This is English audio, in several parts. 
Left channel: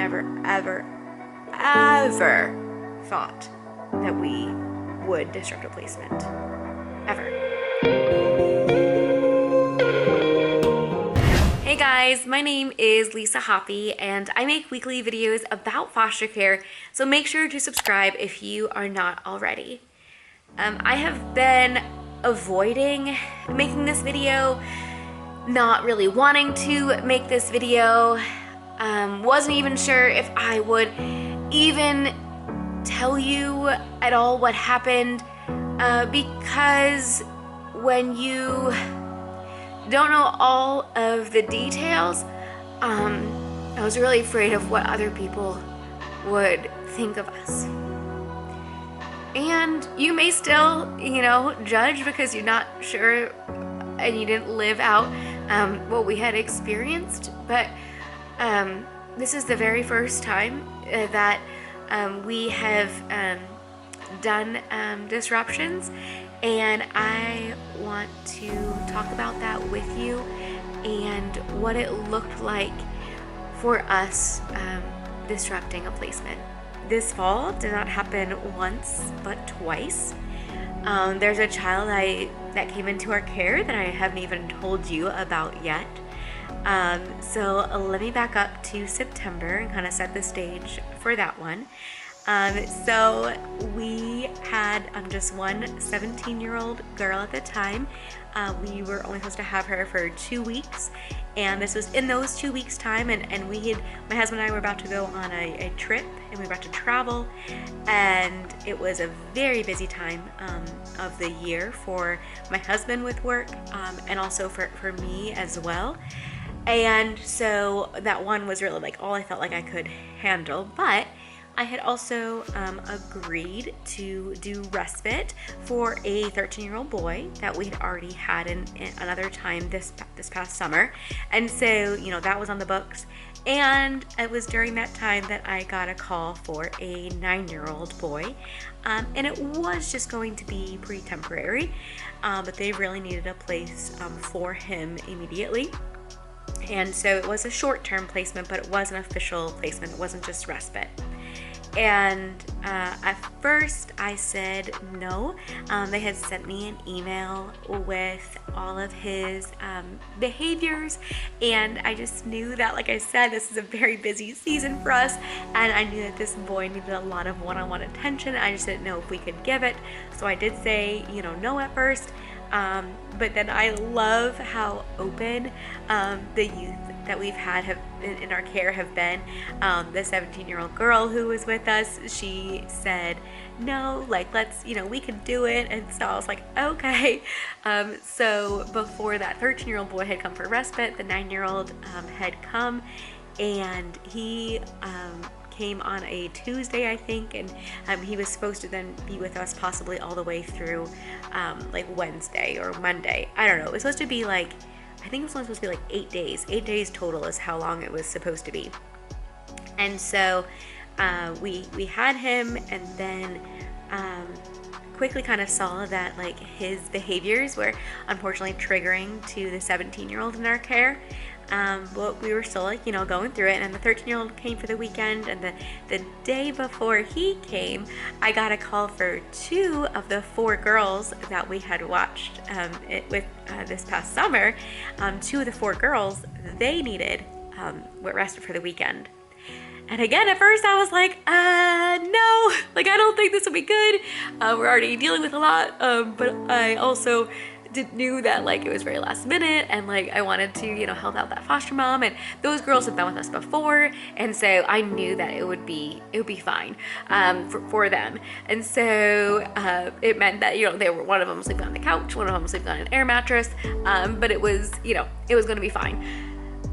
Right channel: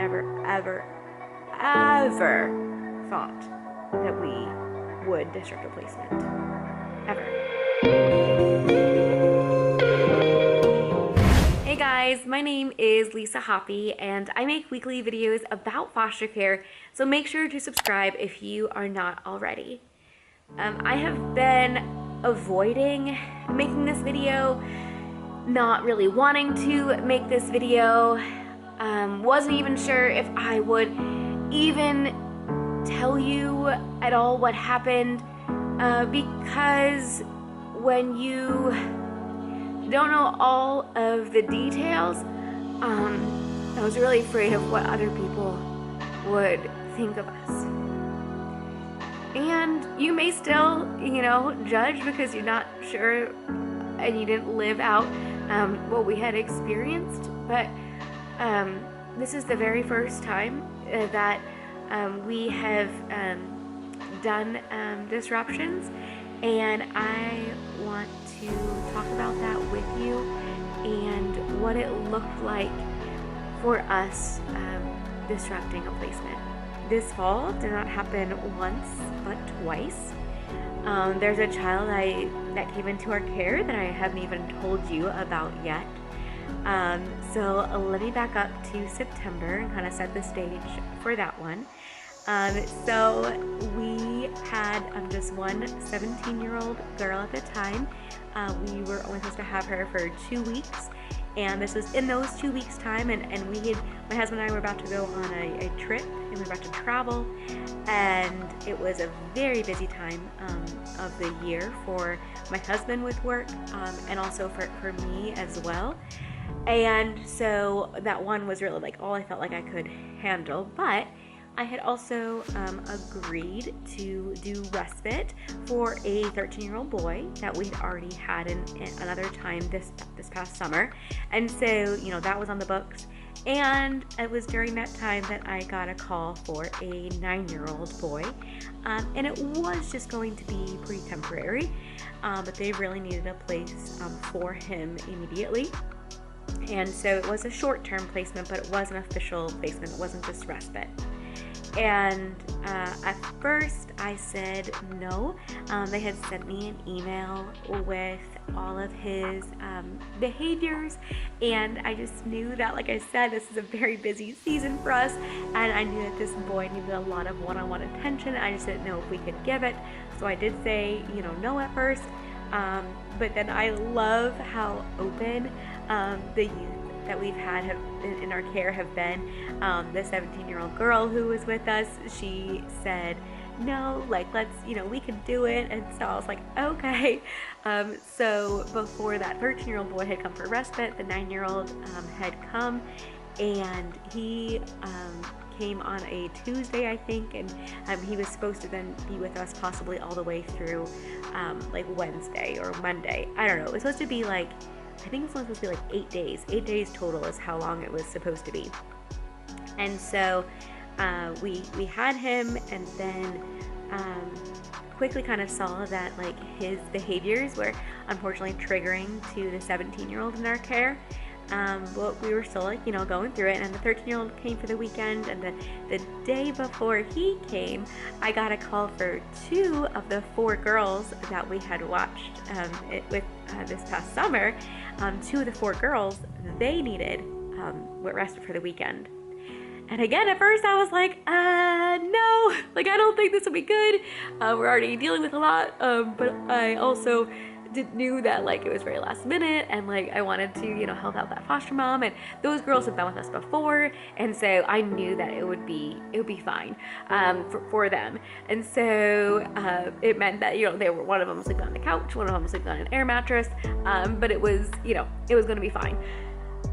never, ever, ever thought that we would disrupt a placement. Ever. Hey guys, my name is Lisa Hoppy and I make weekly videos about foster care, so make sure to subscribe if you are not already. I have been avoiding making this video, not really wanting to make this video, wasn't even sure if I would even tell you at all what happened, because when you don't know all of the details, I was really afraid of what other people would think of us. And you may still, judge because you're not sure and you didn't live out what we had experienced. But this is the very first time that we have done disruptions, and I want to talk about that with you and what it looked like for us disrupting a placement. This fall did not happen once, but twice. There's a child that came into our care that I haven't even told you about yet. So let me back up to September and kind of set the stage for that one. So we had just one 17-year-old girl at the time. We were only supposed to have her for 2 weeks, and this was in those 2 weeks time, and my husband and I were about to go on a trip, and we were about to travel, and it was a very busy time of the year for my husband with work, and also for me as well. And so that one was really like all I felt like I could handle, but I had also agreed to do respite for a 13-year-old boy that we had already had in another time this past summer. And so, that was on the books. And it was during that time that I got a call for a 9-year-old boy. And it was just going to be pretty temporary, but they really needed a place for him immediately. And so it was a short-term placement, but it was an official placement. It wasn't just respite. And at first I said no. They had sent me an email with all of his behaviors, and I just knew that, like I said, this is a very busy season for us, and I knew that this boy needed a lot of one-on-one attention. I just didn't know if we could give it, so I did say no at first. But then I love how open the youth that we've had in our care have been. The 17-year-old girl who was with us, she said, no, let's, we could do it. And so I was like, okay. So before that 13-year-old boy had come for respite, the 9-year-old had come, and he came on a Tuesday, I think, and he was supposed to then be with us possibly all the way through Wednesday or Monday. I don't know. It was supposed to be I think it was only supposed to be 8 days. 8 days total is how long it was supposed to be. And so we had him, and then quickly kind of saw that his behaviors were unfortunately triggering to the 17-year-old in our care. But we were still going through it, and then the 13-year-old came for the weekend, and the day before he came, I got a call for 2 of the 4 girls that we had watched with this past summer. 2 of the 4 girls, they needed respite for the weekend. And again, at first I was like, no, I don't think this will be good. We're already dealing with a lot, but I also knew that it was very last minute, and I wanted to help out that foster mom, and those girls have been with us before, and so I knew that it would be fine for them. And so it meant that they were, one of them was sleeping on the couch, one of them was sleeping on an air mattress, but it was it was going to be fine.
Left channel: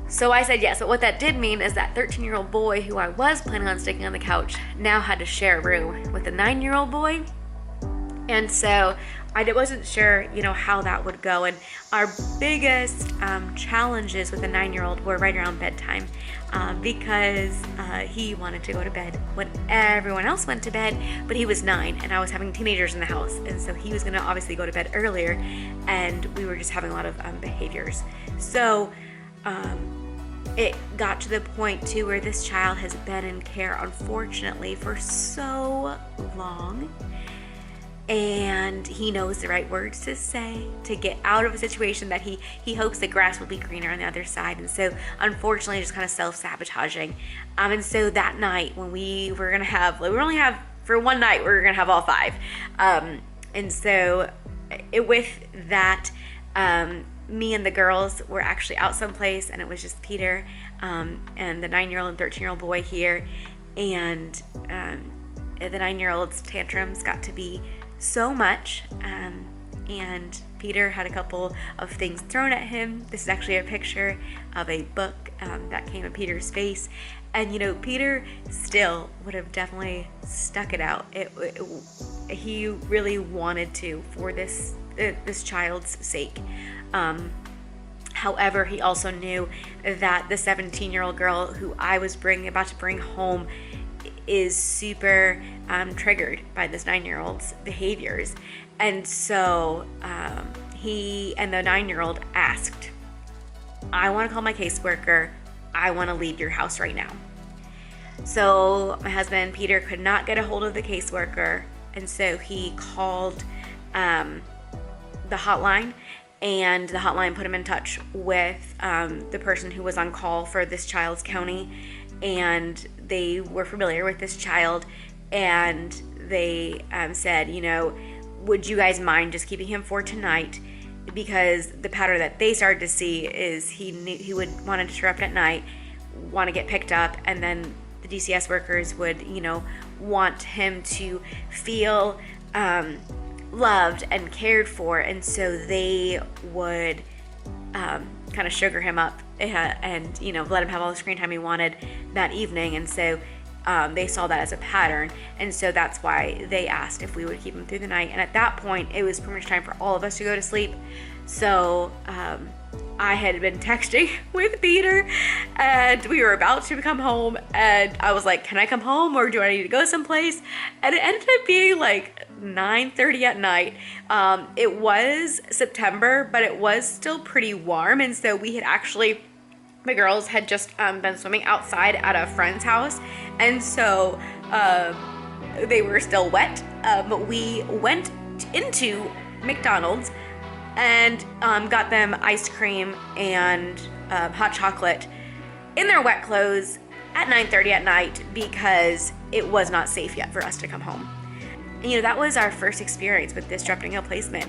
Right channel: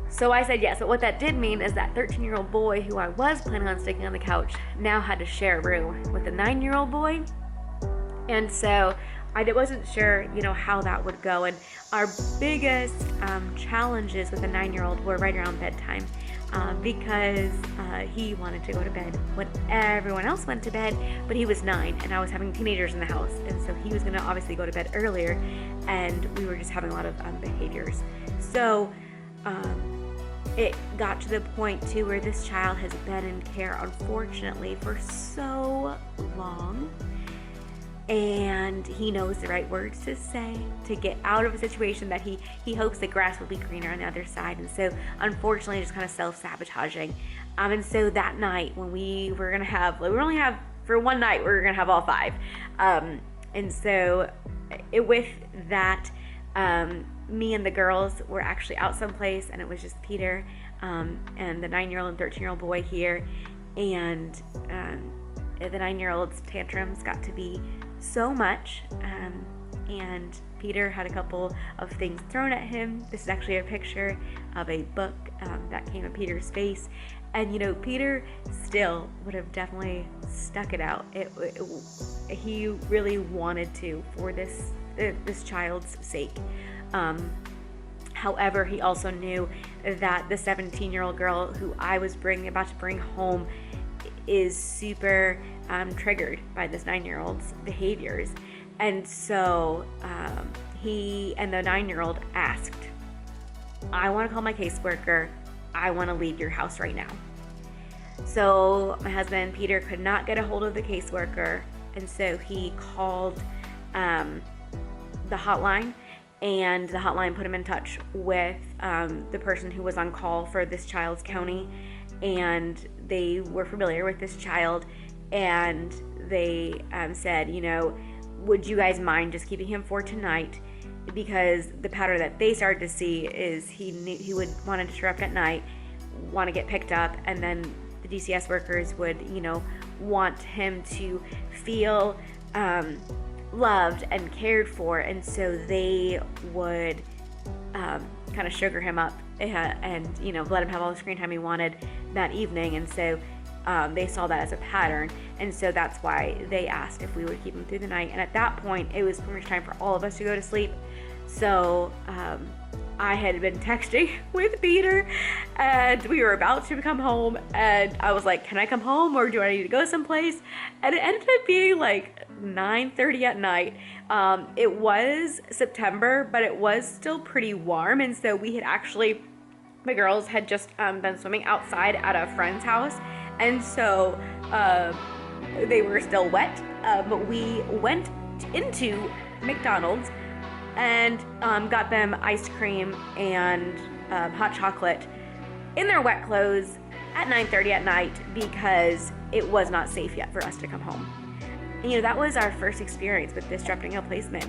So I said yes, but what that did mean is that 13-year-old boy who I was planning on sticking on the couch now had to share a room with the 9-year-old boy. And so I wasn't sure, how that would go. And our biggest challenges with the 9-year-old were right around bedtime, because he wanted to go to bed when everyone else went to bed, but he was 9 and I was having teenagers in the house. And so he was going to obviously go to bed earlier, and we were just having a lot of behaviors. So it got to the point too where this child has been in care, unfortunately, for so long. And he knows the right words to say to get out of a situation that he hopes the grass will be greener on the other side. And so unfortunately just kind of self-sabotaging. And so that night when we were gonna have, we only have for one night, we were gonna have all 5. And so with that, me and the girls were actually out someplace, and it was just Peter and the 9-year-old and 13-year-old boy here. And the 9-year-old's tantrums got to be so much, and Peter had a couple of things thrown at him. This is actually a picture of a book that came in Peter's face, and you know, Peter still would have definitely stuck it out. He really wanted to, for this child's sake. However, he also knew that the 17-year-old girl who I was about to bring home is super triggered by this 9-year-old's behaviors. And so he and the 9-year-old asked, I want to call my caseworker. I want to leave your house right now. So my husband, Peter, could not get a hold of the caseworker. And so he called the hotline, and the hotline put him in touch with the person who was on call for this child's county. And they were familiar with this child, and they said, you know, would you guys mind just keeping him for tonight? Because the pattern that they started to see is he would want to disrupt at night, want to get picked up, and then the DCS workers would, you know, want him to feel loved and cared for, and so they would kind of sugar him up and, you know, let him have all the screen time he wanted that evening. And so they saw that as a pattern, and so that's why they asked if we would keep him through the night. And at that point, it was pretty much time for all of us to go to sleep. So I had been texting with Peter, and we were about to come home, and I was like, can I come home, or do I need to go someplace? And it ended up being like 9:30 at night. It was September, but it was still pretty warm, and so we had actually, the girls had just been swimming outside at a friend's house, and so they were still wet, but we went into McDonald's and got them ice cream and hot chocolate in their wet clothes at 9:30 at night, because it was not safe yet for us to come home. And, you know, that was our first experience with disrupting a placement.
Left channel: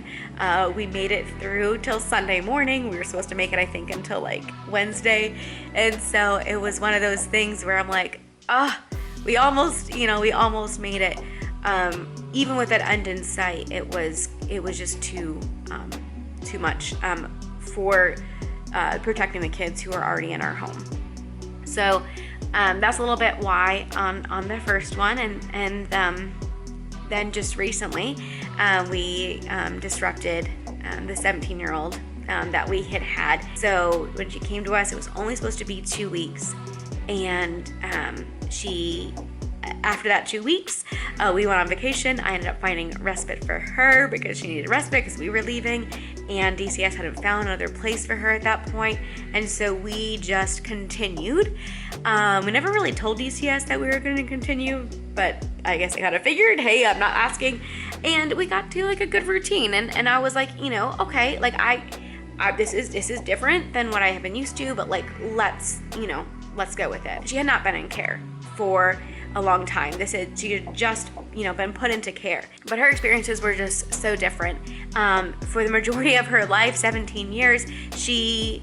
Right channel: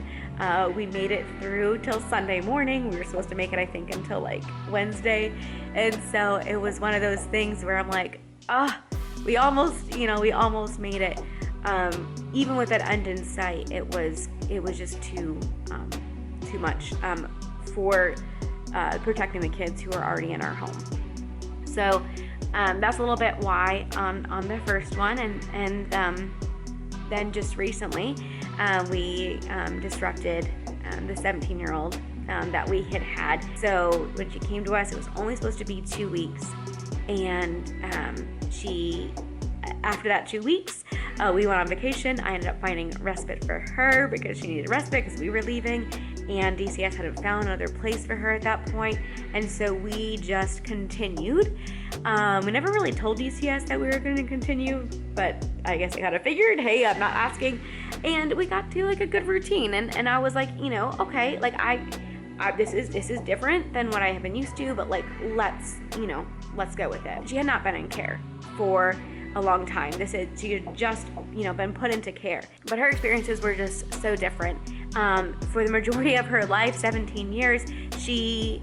We made it through till Sunday morning. We were supposed to make it, I think, until like Wednesday. And so it was one of those things where I'm like, we almost made it. Even with that end in sight, it was just too much for protecting the kids who are already in our home. So that's a little bit why on the first one, and then just recently we disrupted the 17-year-old that we had. So when she came to us, it was only supposed to be 2 weeks, and she, after that 2 weeks, we went on vacation. I ended up finding respite for her because she needed respite because we were leaving, and DCS hadn't found another place for her at that point, and so we just continued. We never really told DCS that we were going to continue, but I guess I kind of figured, hey, I'm not asking, and we got to like a good routine, and I was like, you know, okay, like I this is different than what I have been used to, but like let's go with it. She had not been in care for a long time. She had just, you know, been put into care, but her experiences were just so different. For the majority of her life, 17 years, she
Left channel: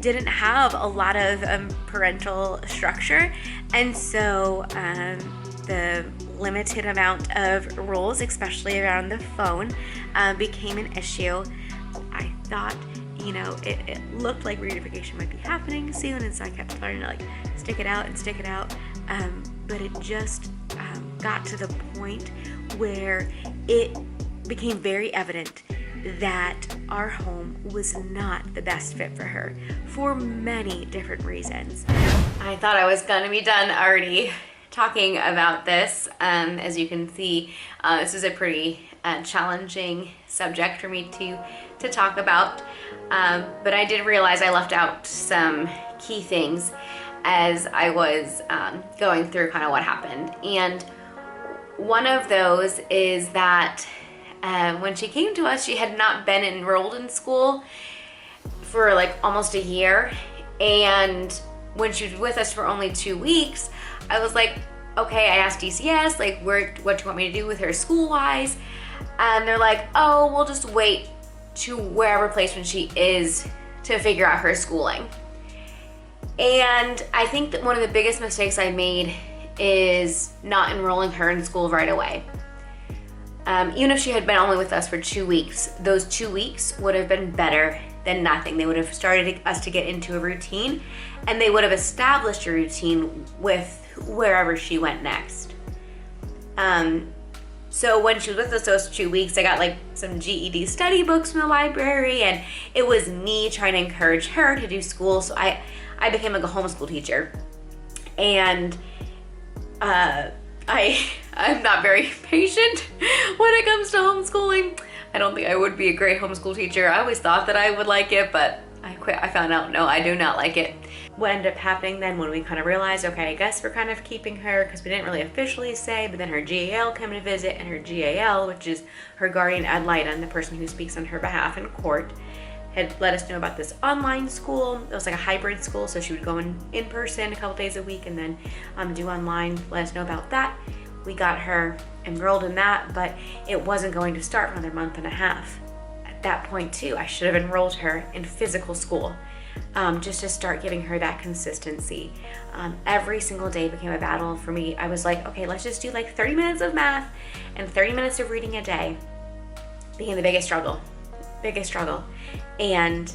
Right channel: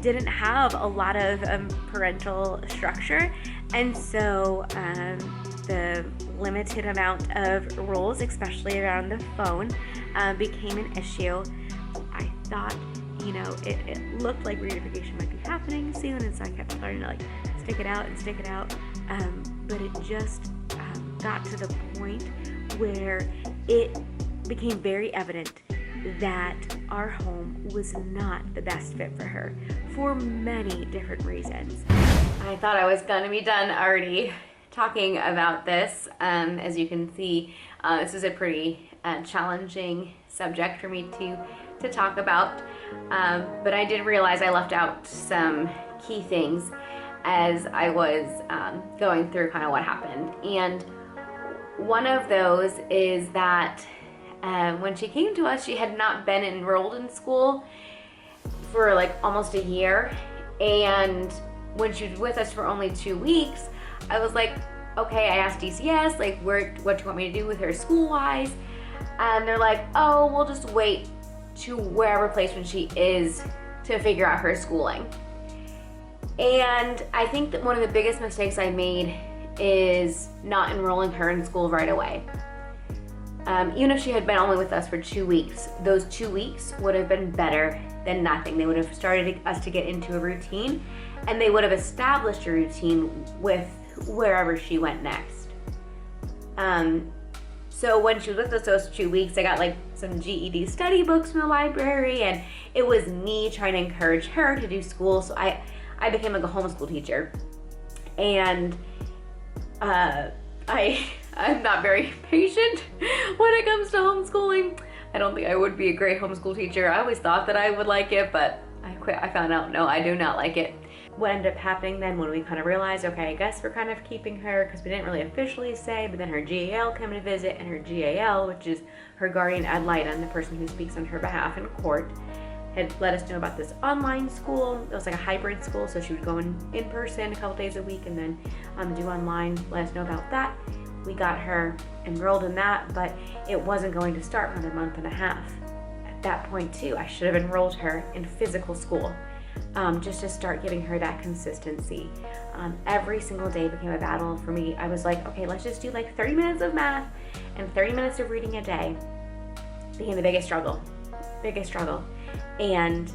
didn't have a lot of parental structure, and so the limited amount of rules, especially around the phone, became an issue. I thought, you know, it looked like reunification might be happening soon, and so I kept starting to like stick it out, but it just got to the point where it became very evident that our home was not the best fit for her for many different reasons. I thought I was gonna be done already talking about this. As you can see, this is a pretty challenging subject for me to talk about, but I did realize I left out some key things as I was going through kind of what happened. And one of those is that when she came to us, she had not been enrolled in school for like almost a year. And when she was with us for only 2 weeks, I was like, okay, I asked DCS, like, what do you want me to do with her school-wise? And they're like, oh, we'll just wait to wherever placement she is to figure out her schooling. And I think that one of the biggest mistakes I made is not enrolling her in school right away. Even if she had been only with us for 2 weeks, those 2 weeks would have been better than nothing. They would have started us to get into a routine, and they would have established a routine with wherever she went next. So when she was with us those 2 weeks, I got like some GED study books from the library, and it was me trying to encourage her to do school. So I became like a homeschool teacher, and I'm not very patient when it comes to homeschooling. I don't think I would be a great homeschool teacher. I always thought that I would like it, but I quit. I found out, no, I do not like it. What ended up happening then when we kind of realized, okay, I guess we're kind of keeping her, because we didn't really officially say, but then her GAL came to visit, and her GAL, which is her guardian ad litem, the person who speaks on her behalf in court, had let us know about this online school. It was like a hybrid school, so she would go in person a couple days a week and then do online, let us know about that. We got her enrolled in that, but it wasn't going to start for another month and a half. At that point too, I should have enrolled her in physical school, just to start giving her that consistency. Every single day became a battle for me. I was like, okay, let's just do like 30 minutes of math and 30 minutes of reading a day. Became the biggest struggle. And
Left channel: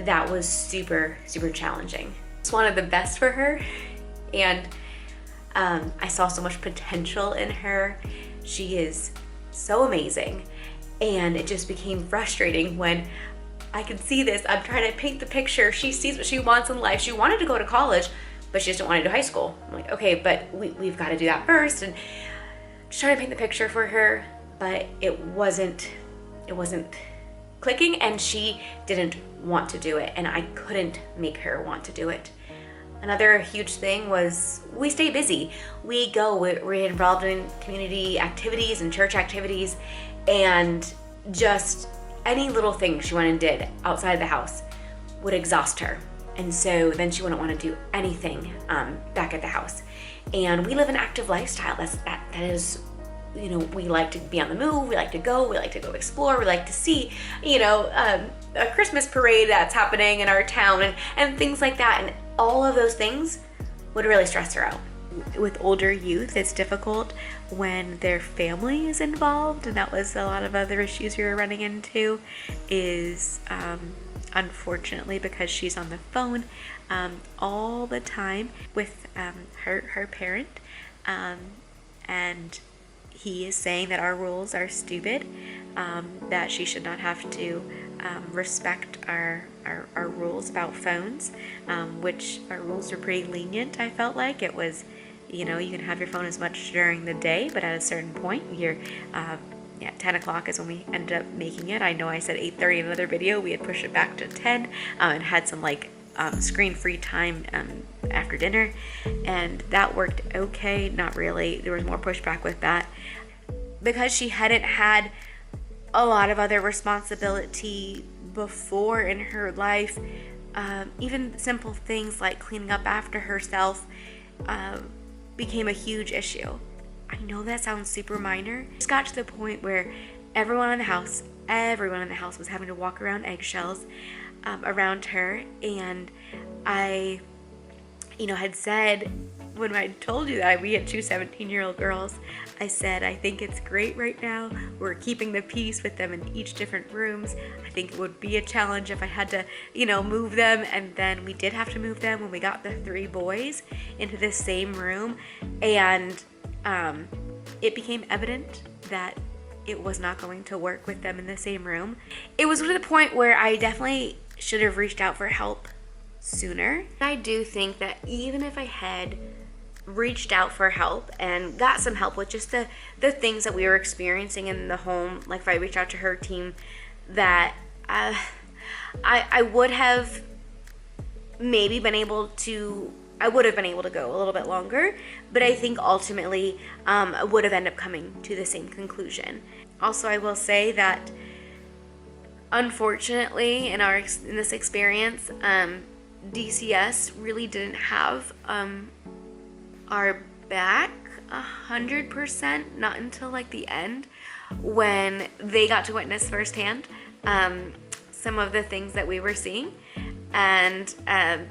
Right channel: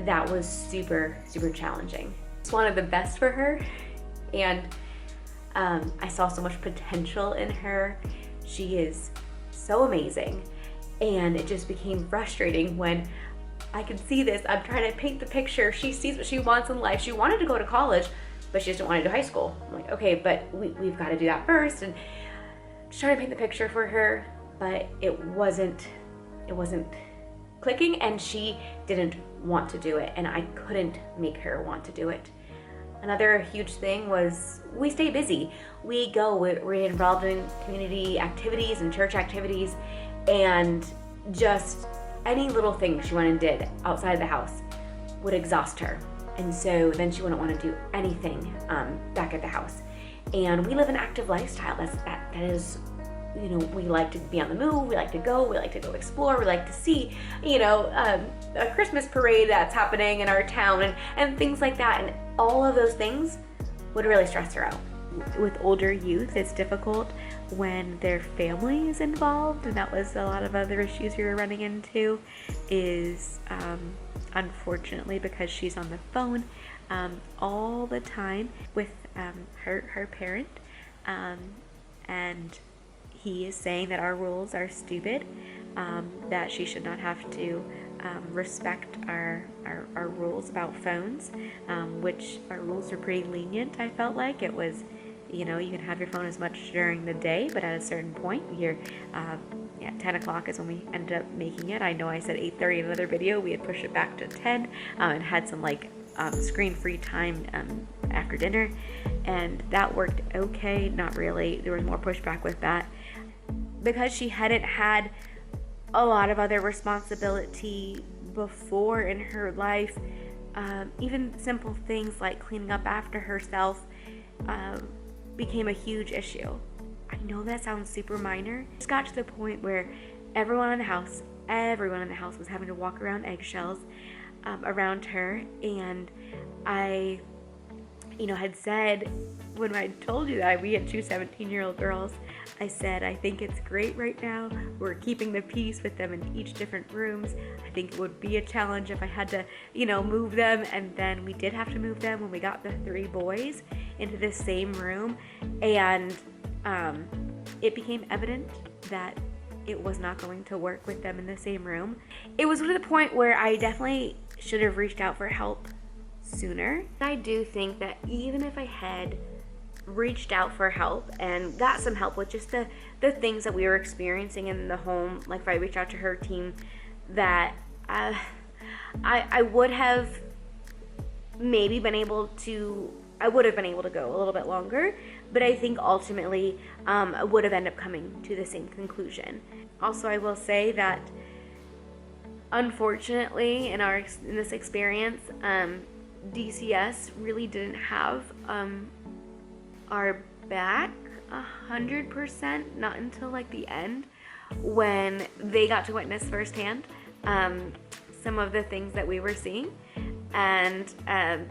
that was super, super challenging. Just wanted the best for her, and I saw so much potential in her. She is so amazing, and it just became frustrating when I could see this. I'm trying to paint the picture. She sees what she wants in life. She wanted to go to college, but she just didn't want to do high school. I'm like, okay, but we've got to do that first, and just trying to paint the picture for her, but it wasn't clicking, and she didn't want to do it, and I couldn't make her want to do it. Another huge thing was we stay busy. We're involved in community activities and church activities, and just any little thing she went and did outside of the house would exhaust her. And so then she wouldn't want to do anything back at the house. And we live an active lifestyle. That is, you know, we like to be on the move, we like to go explore, we like to see, a Christmas parade that's happening in our town and things like that. And all of those things would really stress her out. With older youth, it's difficult when their family is involved, and that was a lot of other issues we were running into, is unfortunately, because she's on the phone all the time with her parent, and he is saying that our rules are stupid, that she should not have to respect our rules about phones, which our rules are pretty lenient. I felt like it was, you can have your phone as much during the day, but at a certain point, 10 o'clock is when we ended up making it. I know I said 8:30 in another video. We had pushed it back to 10 and had some screen-free time after dinner, and that worked okay. Not really. There was more pushback with that because she hadn't had a lot of other responsibility before in her life. Even simple things like cleaning up after herself became a huge issue. I know that sounds super minor. It just got to the point where everyone in the house was having to walk around eggshells around her. And I, had said, when I told you that we had two 17-year-old girls, I said, I think it's great right now. We're keeping the peace with them in each different rooms. I think it would be a challenge if I had to, move them. And then we did have to move them when we got the 3 boys into the same room. And it became evident that it was not going to work with them in the same room. It was to the point where I definitely should have reached out for help sooner. I do think that even if I had reached out for help and got some help with just the things that we were experiencing in the home, like if I reached out to her team, that I would have maybe been able to, I would have been able to go a little bit longer, but I think ultimately I would have ended up coming to the same conclusion. Also, I will say that unfortunately in this experience, DCS really didn't have our back 100%, not until like the end, when they got to witness firsthand some of the things that we were seeing. And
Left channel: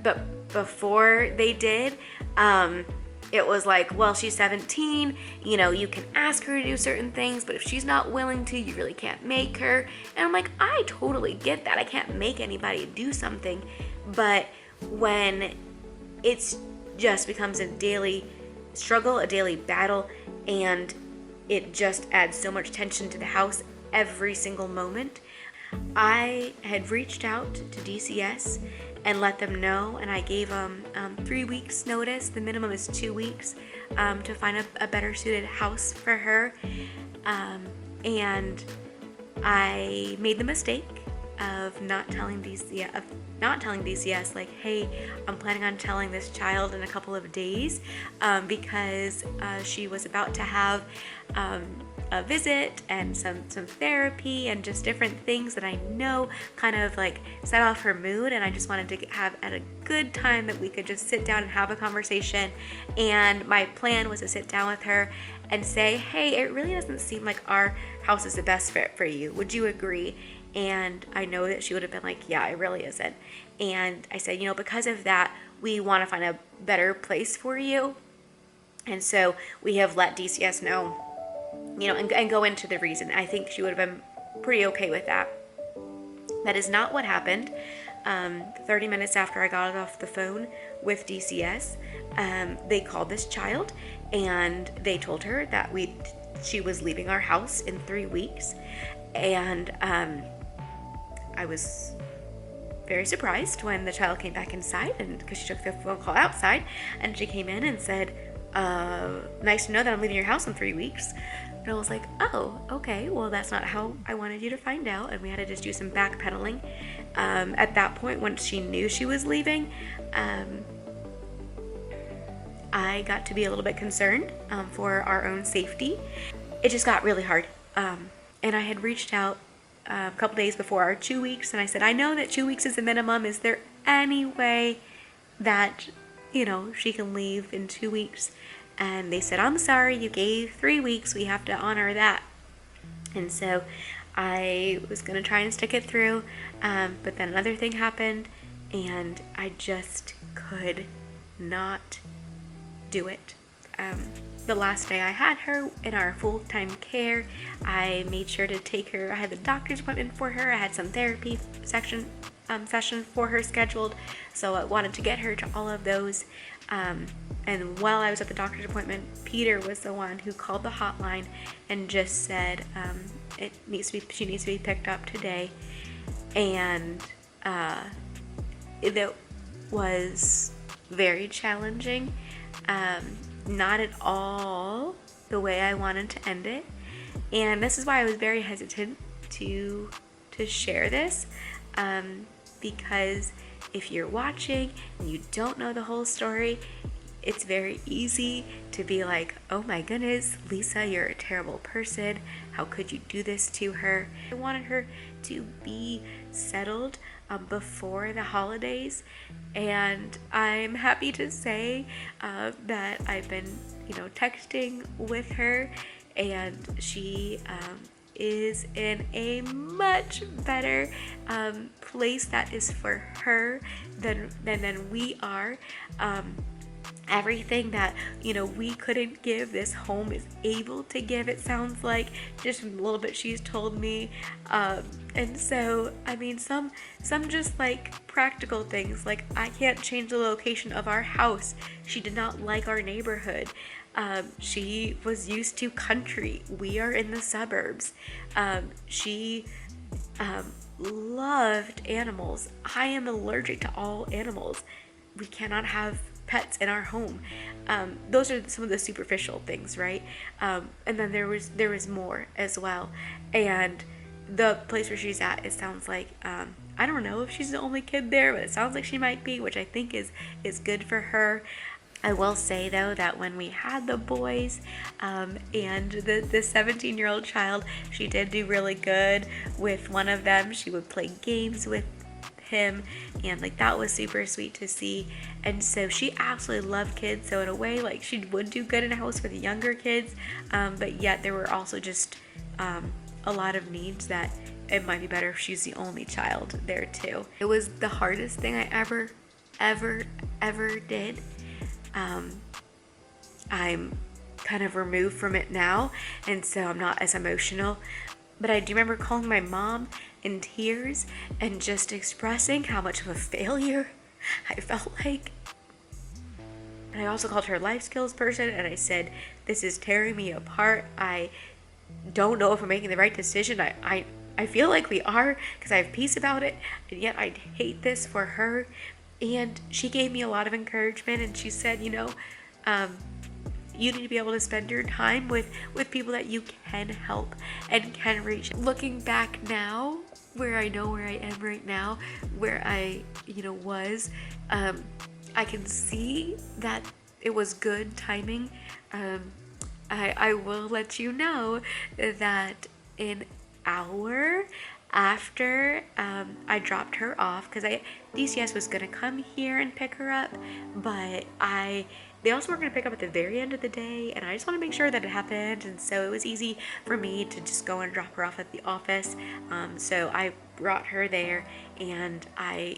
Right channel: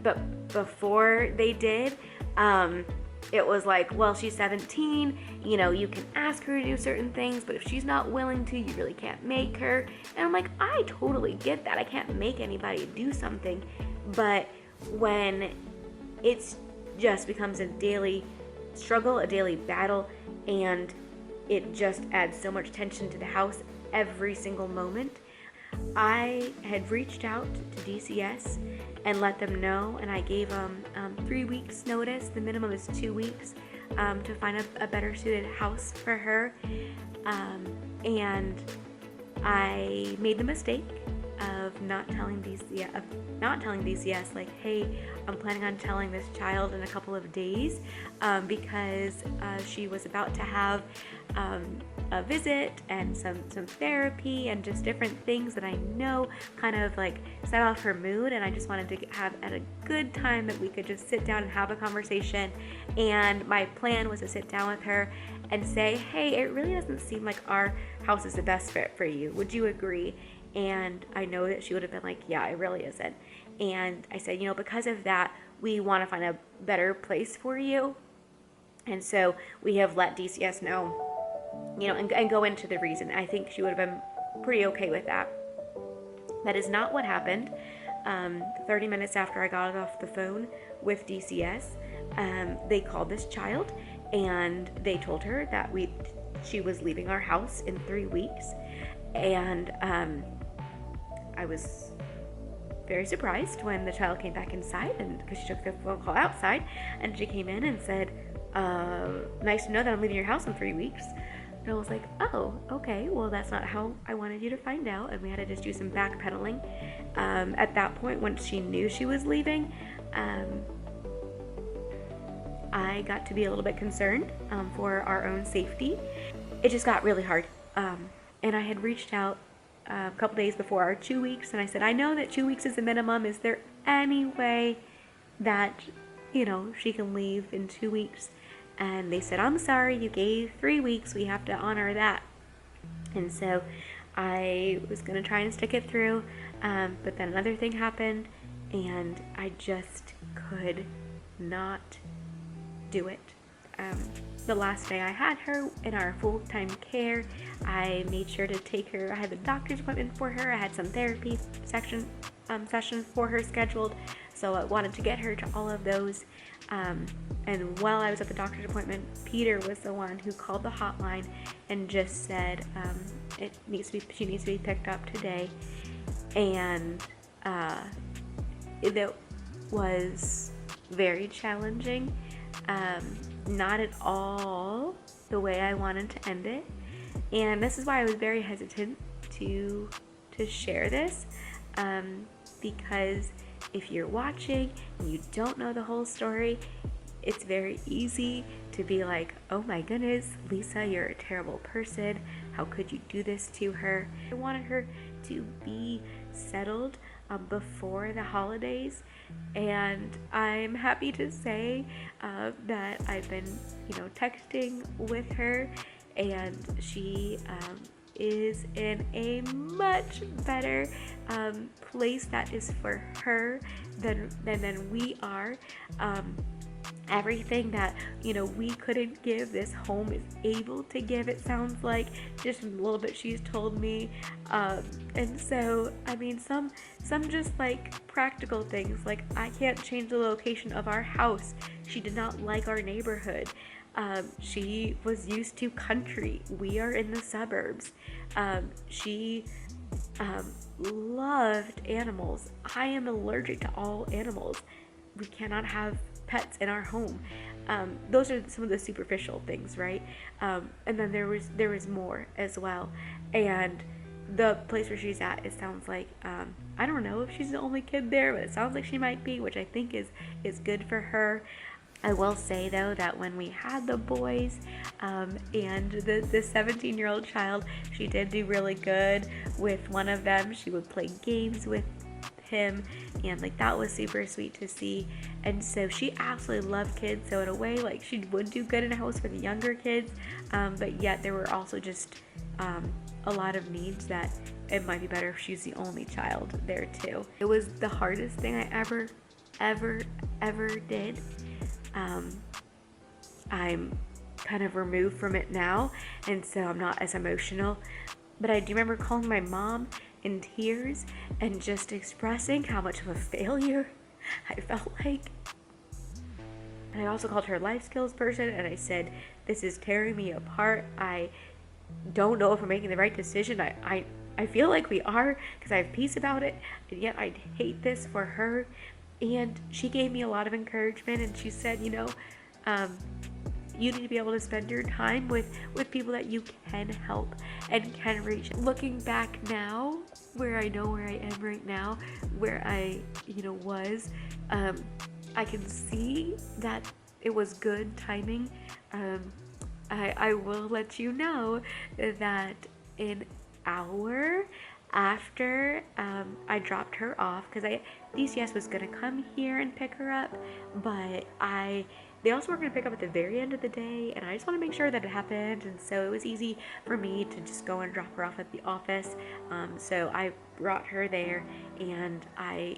but before they did, it was like, well, she's 17, you know, you can ask her to do certain things, but if she's not willing to, you really can't make her. And I'm like, I totally get that. I can't make anybody do something. But when it's just becomes a daily struggle, a daily battle, and it just adds so much tension to the house every single moment, I had reached out to DCS and let them know, and I gave them 3 weeks notice. The minimum is 2 weeks to find a better suited house for her. And I made the mistake of not telling DCS, like, hey, I'm planning on telling this child in a couple of days, because she was about to have a visit and some therapy and just different things that I know kind of like set off her mood, and I just wanted to have at a good time that we could just sit down and have a conversation. And my plan was to sit down with her and say, hey, it really doesn't seem like our house is the best fit for you. Would you agree? And I know that she would have been like, yeah, it really isn't. And I said, you know, because of that, we want to find a better place for you. And so we have let DCS know, you know, and go into the reason. I think she would have been pretty okay with that. That is not what happened. 30 minutes after I got off the phone with DCS, they called this child and they told her that she was leaving our house in 3 weeks. And I was very surprised when the child came back inside, and because she took the phone call outside, and she came in and said, nice to know that I'm leaving your house in 3 weeks. And I was like, oh, okay, well, that's not how I wanted you to find out. And we had to just do some backpedaling. At that point, once she knew she was leaving, I got to be a little bit concerned for our own safety. It just got really hard. And I had reached out a couple days before our 2 weeks, and I said, I know that 2 weeks is the minimum. Is there any way that, you know, she can leave in 2 weeks? And they said, I'm sorry, you gave 3 weeks. We have to honor that. And so I was going to try and stick it through, but then another thing happened, and I just could not do it. The last day I had her in our full-time care, I made sure to take her. I had the doctor's appointment for her. I had some therapy session for her scheduled, so I wanted to get her to all of those. And while I was at the doctor's appointment, Peter was the one who called the hotline and just said, she needs to be picked up today. And it was very challenging. Not at all the way I wanted to end it. And this is why I was very hesitant to share this, because if you're watching and you don't know the whole story, it's very easy to be like, oh my goodness, Lisa, you're a terrible person. How could you do this to her? I wanted her to be settled before the holidays, and I'm happy to say that I've been, texting with her, and she is in a much better place that is for her than we are. Everything that we couldn't give, this home is able to give, it sounds like, just a little bit she's told me. And so I mean, some just like practical things, like I can't change the location of our house. She did not like our neighborhood. She was used to country. We are in the suburbs. She loved animals. I am allergic to all animals. We cannot have pets in our home. Those are some of the superficial things, right? And then there was more as well. And the place where she's at, it sounds like, I don't know if she's the only kid there, but it sounds like she might be, which I think is good for her. I will say though that when we had the boys and the 17-year-old child, she did do really good with one of them. She would play games with him, and like that was super sweet to see. And so she absolutely loved kids, so in a way, like, she would do good in a house with younger kids, but yet there were also just a lot of needs that it might be better if she's the only child there too. It was the hardest thing I ever did. I'm kind of removed from it now, and so I'm not as emotional, but I do remember calling my mom in tears and just expressing how much of a failure I felt like. And I also called her a life skills person, and I said, this is tearing me apart. I don't know if we're making the right decision. I feel like we are, because I have peace about it, and yet I hate this for her. And she gave me a lot of encouragement, and she said, you need to be able to spend your time with people that you can help and can reach. Looking back now, where I know where I am right now, where I, was, I can see that it was good timing. I will let you know that an hour after I dropped her off, because DCS was gonna come here and pick her up, but they also were gonna pick up at the very end of the day, and I just want to make sure that it happened. And so it was easy for me to just go and drop her off at the office. So I brought her there, and I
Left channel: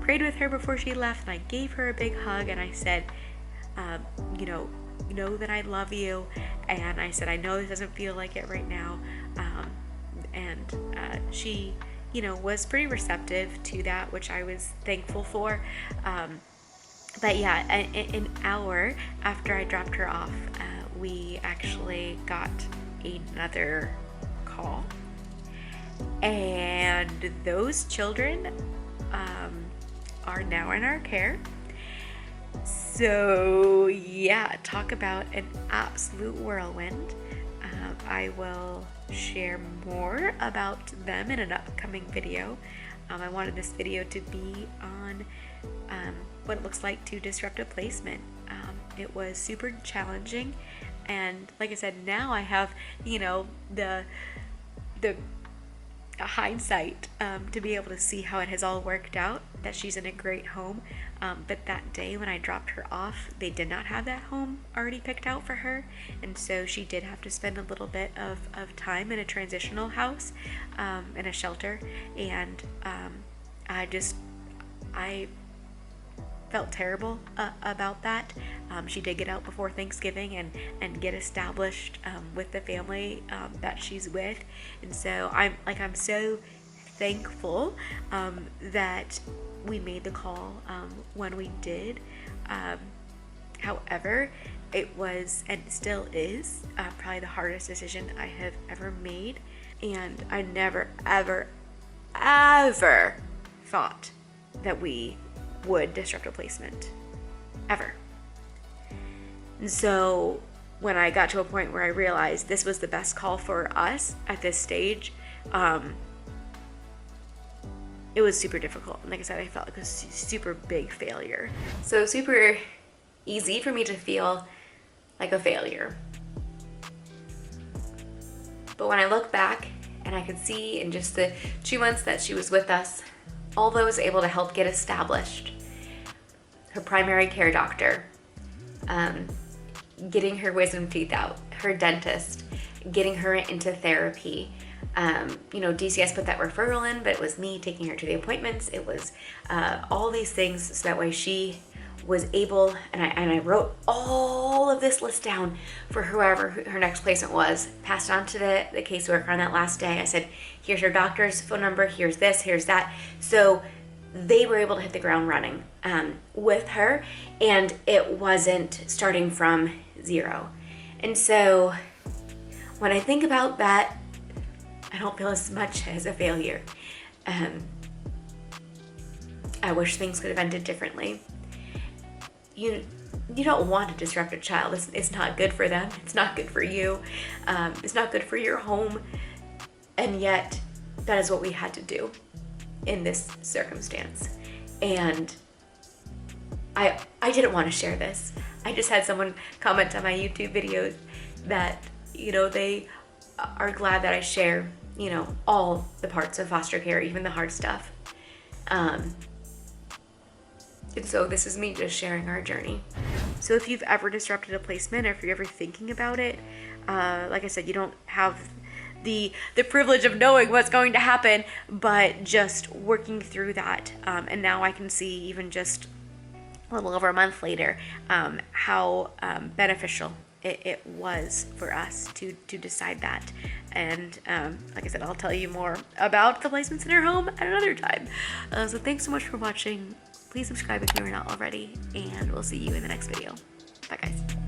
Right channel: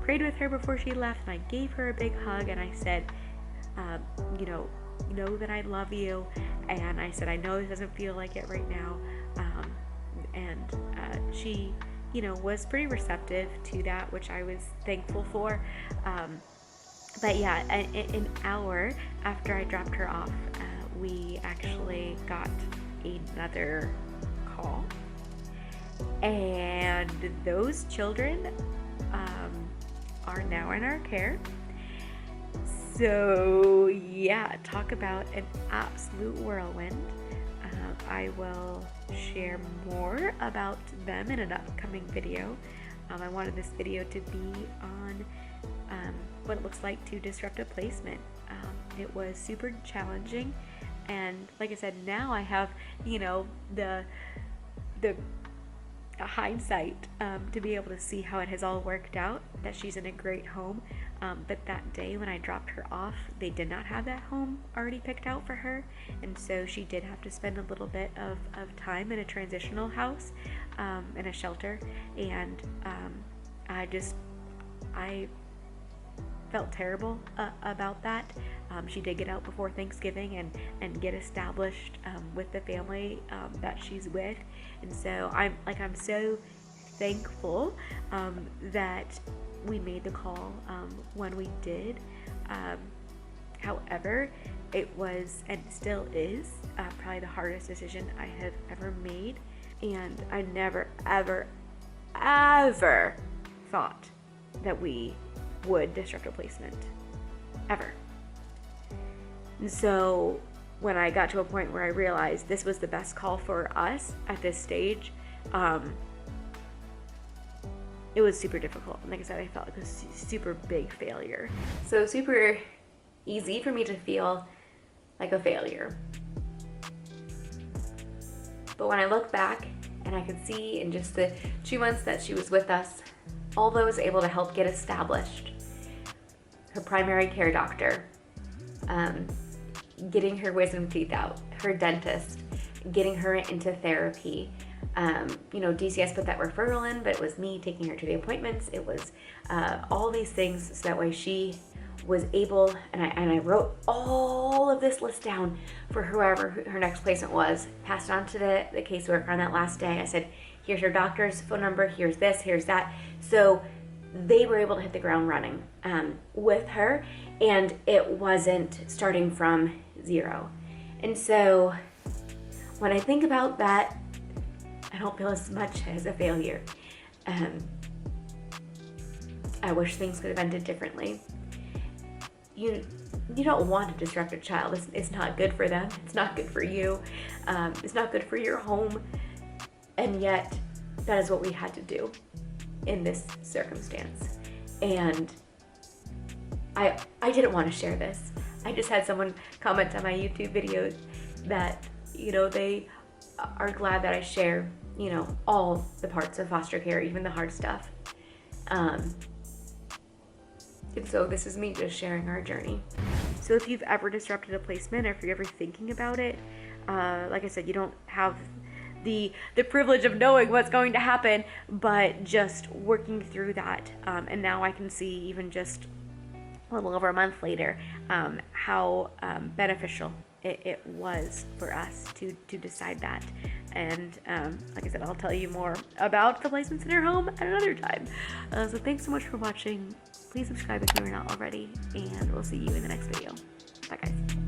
prayed with her before she left, and I gave her a big hug, and I said, know that I love you, and I said, I know this doesn't feel like it right now, and she was pretty receptive to that, which I was thankful for. But yeah, an hour after I dropped her off, we actually got another call, and those children are now in our care. So yeah, talk about an absolute whirlwind. I will share more about them in an upcoming video. I wanted this video to be on what it looks like to disrupt a placement. It was super challenging, and like I said, now I have the hindsight to be able to see how it has all worked out, that she's in a great home. But that day when I dropped her off, they did not have that home already picked out for her, and so she did have to spend a little bit of time in a transitional house, in a shelter. And I felt terrible about that. She did get out before Thanksgiving and get established with the family that she's with, and so I'm so thankful that we made the call when we did. However, it was, and still is, probably the hardest decision I have ever made, and I never ever thought that we would disrupt a placement, ever. And so when I got to a point where I realized this was the best call for us at this stage, it was super difficult. And like I said, I felt like a super big failure. So super easy for me to feel like a failure. But when I look back and I could see in just the 2 months that she was with us, although I was able to help get established, her primary care doctor, getting her wisdom teeth out, her dentist, getting her into therapy. DCS put that referral in, but it was me taking her to the appointments. It was all these things, so that way she was able, and I wrote all of this list down for whoever her next placement was, passed it on to the caseworker on that last day. I said, here's your doctor's phone number, here's this, here's that. So they were able to hit the ground running with her, and it wasn't starting from zero. And so when I think about that, I don't feel as much as a failure. I wish things could have ended differently. You don't want to disrupt a child. It's not good for them. It's not good for you. It's not good for your home. And yet, that is what we had to do in this circumstance. And I didn't want to share this. I just had someone comment on my YouTube video that, you know, they are glad that I share, you know, all the parts of foster care, even the hard stuff. And so this is me just sharing our journey. So if you've ever disrupted a placement, or if you're ever thinking about it, like I said, you don't have the privilege of knowing what's going to happen, but just working through that. And now I can see, even just a little over a month later, how beneficial it was for us to decide that. And like I said, I'll tell you more about the placement center home at another time. So thanks so much for watching. Please subscribe if you're not already, and we'll see you in the next video. Bye guys.